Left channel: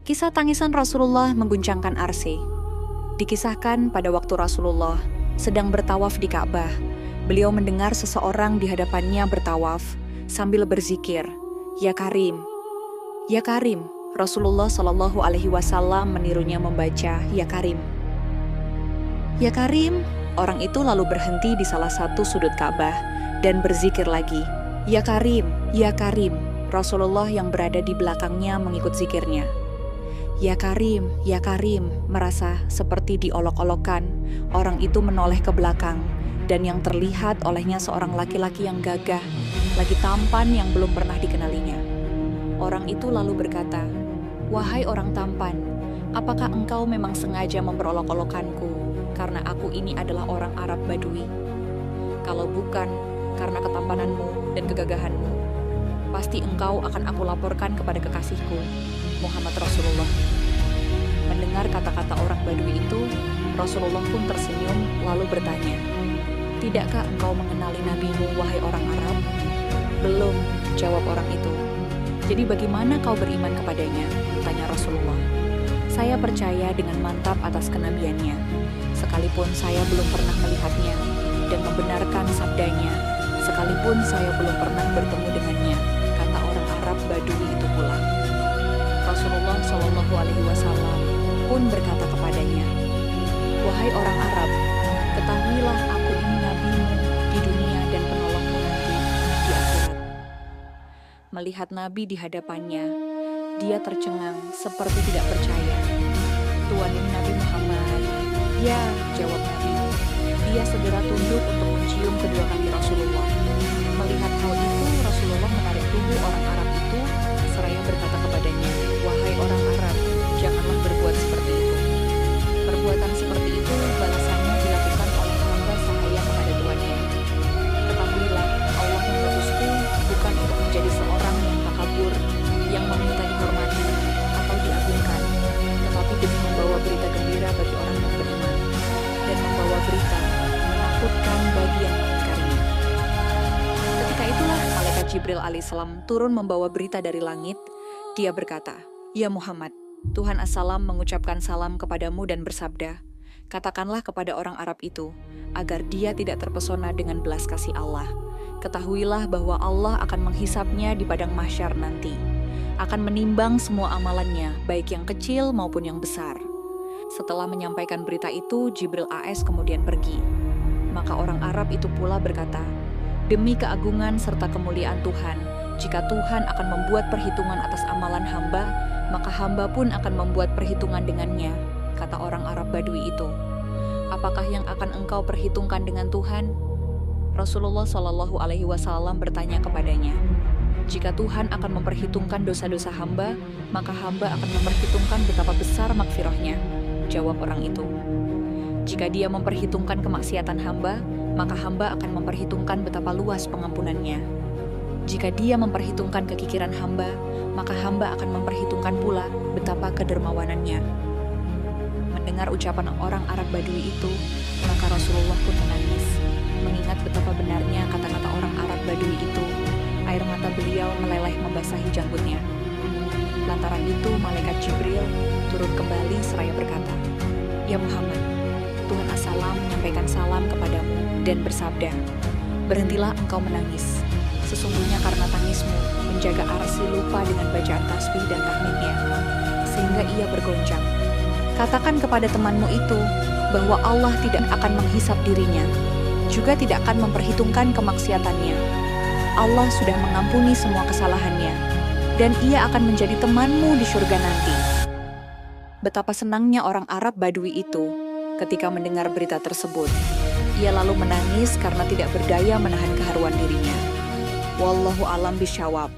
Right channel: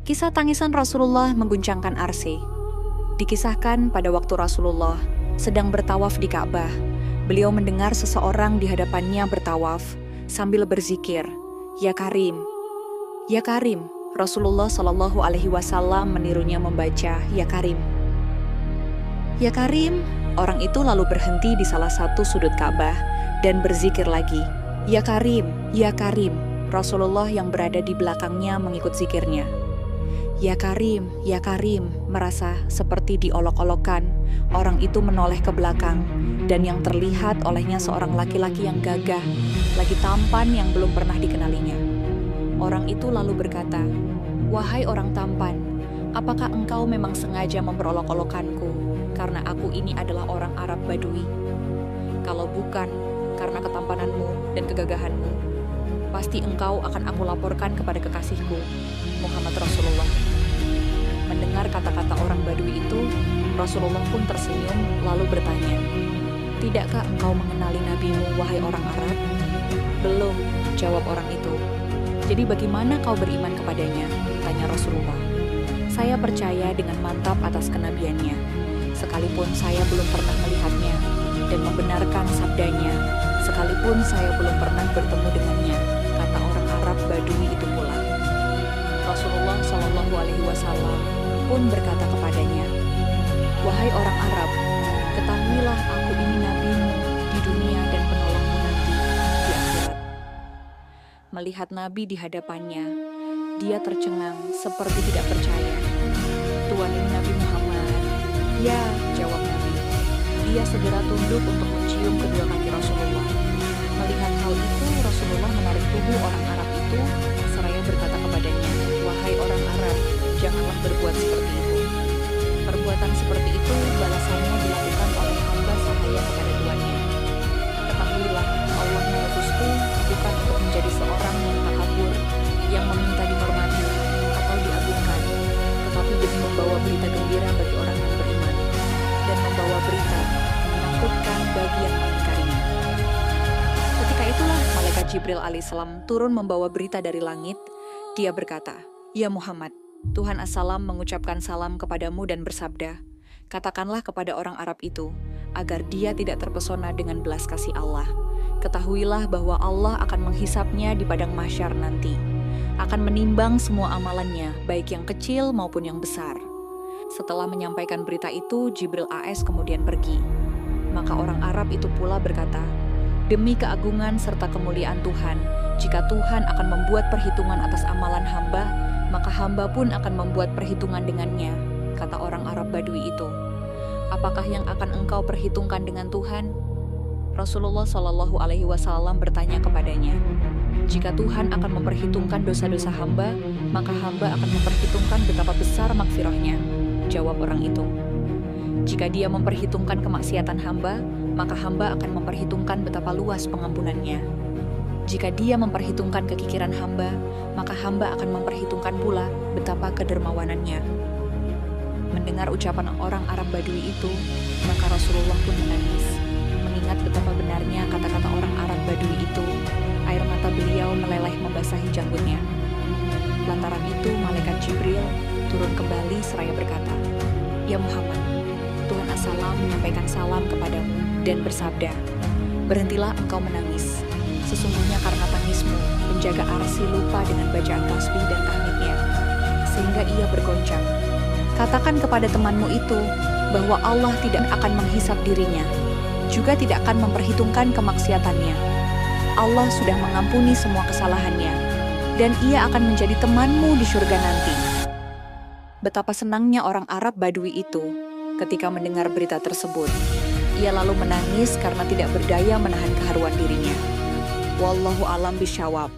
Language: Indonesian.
Kisah tangisan Rasulullah mengguncangkan arsy. Dikisahkan pada waktu Rasulullah sedang bertawaf di Ka'bah, beliau mendengar seseorang di hadapannya bertawaf sambil berzikir, "Ya Karim, ya Karim." Rasulullah Shallallahu Alaihi Wasallam menirunya membaca, "Ya Karim, ya Karim." Orang itu lalu berhenti di salah satu sudut Ka'bah dan berzikir lagi, "Ya Karim, ya Karim." Rasulullah yang berada di belakangnya mengikut zikirnya. "Ya Karim, ya Karim." Merasa seperti diolok-olokkan, orang itu menoleh ke belakang, dan yang terlihat olehnya seorang laki-laki yang gagah, lagi tampan yang belum pernah dikenalinya. Orang itu lalu berkata, "Wahai orang tampan, apakah engkau memang sengaja memperolok-olokkanku karena aku ini adalah orang Arab Badui? Kalau bukan karena ketampananmu dan kegagahanmu, pasti engkau akan aku laporkan kepada kekasihku, Muhammad Rasulullah." Mendengar kata-kata orang Badui itu, Rasulullah pun tersenyum lalu bertanya, "Tidakkah engkau mengenali nabimu, wahai orang Arab?" "Belum," jawab orang itu. "Jadi bagaimana kau beriman kepadanya?" tanya Rasulullah. "Saya percaya dengan mantap atas kenabiannya, sekalipun saya belum pernah melihatnya, dan membenarkan sabdanya, sekalipun saya belum pernah bertemu dengannya," kata orang Arab Badui itu pula. Rasulullah Shallallahu Alaihi Wasallam pun berkata kepadanya, "Wahai orang Arab, ketahuilah aku ini nabimu di dunia dan penolongmu nanti di akhirat." Melihat Nabi di hadapannya, dia tercengang seperti tidak percaya. "Tuan, ini Nabi Muhammad." "Ya," jawab Nabi. Dia segera tunduk untuk mencium kedua kaki Rasulullah. Melihat hal itu, Rasulullah menarik tubuh orang Arab itu seraya berkata kepadanya, "Wahai orang Arab, janganlah berbuat seperti itu. Perbuatan seperti itu balasannya dilakukan oleh hamba sahaya kepada tuannya. Ketahuilah, Allah mengutusku bukan untuk menjadi seorang yang takabur, yang meminta dihormati atau diagungkan, tetapi demi membawa berita gembira bagi orang yang beriman, dan membawa berita menakutkan bagi yang mengingkarinya." Ketika itulah malaikat Jibril alaihissalam turun membawa berita dari langit. Dia berkata, "Ya Muhammad, Tuhan As-Salam mengucapkan salam kepadamu dan bersabda, katakanlah kepada orang Arab itu, agar dia tidak terpesona dengan belas kasih Allah. Ketahuilah bahwa Allah akan menghisapnya di padang mahsyar nanti, akan menimbang semua amalannya, baik yang kecil maupun yang besar." Setelah menyampaikan berita itu, Jibril AS kemudian pergi. Maka orang Arab itu pula berkata, "Demi keagungan serta kemuliaan Tuhan, jika Tuhan akan membuat perhitungan atas amalan hamba, maka hamba pun akan membuat perhitungan dengannya," kata orang Arab Badui itu. "Apakah yang akan engkau perhitungkan dengan Tuhan?" Rasulullah Shallallahu Alaihi Wasallam bertanya kepadanya, "Jika Tuhan akan memperhitungkan dosa-dosa hamba, maka hamba akan memperhitungkan betapa besar makfirahnya," jawab orang itu. "Jika dia memperhitungkan kemaksiatan hamba, maka hamba akan memperhitungkan betapa luas pengampunannya. Jika dia memperhitungkan kekikiran hamba, maka hamba akan memperhitungkan pula betapa kedermawanannya." Mendengar ucapan orang Arab Badui itu, maka Rasulullah pun menangis. Mengingat betapa benarnya kata-kata orang Arab Badui itu, air mata beliau meleleh membasahi janggutnya. Lantaran itu, malaikat Jibril turun kembali seraya berkata, "Ya Muhammad, Tuhan As-Salam menyampaikan salam kepadamu dan bersabda, berhentilah engkau menangis. Sesungguhnya karena tangismu, penjaga arsy lupa dengan bacaan tasbih dan tahmidnya, sehingga ia bergoncang. Katakan kepada temanmu itu bahwa Allah tidak akan menghisap dirinya, juga tidak akan memperhitungkan kemaksiatannya. Allah sudah mengampuni semua kesalahannya, dan ia akan menjadi temanmu di surga nanti." Betapa senangnya orang Arab Badui itu ketika mendengar berita tersebut. Ia lalu menangis karena tidak berdaya menahan keharuan dirinya. Wallahu a'lam bishawab.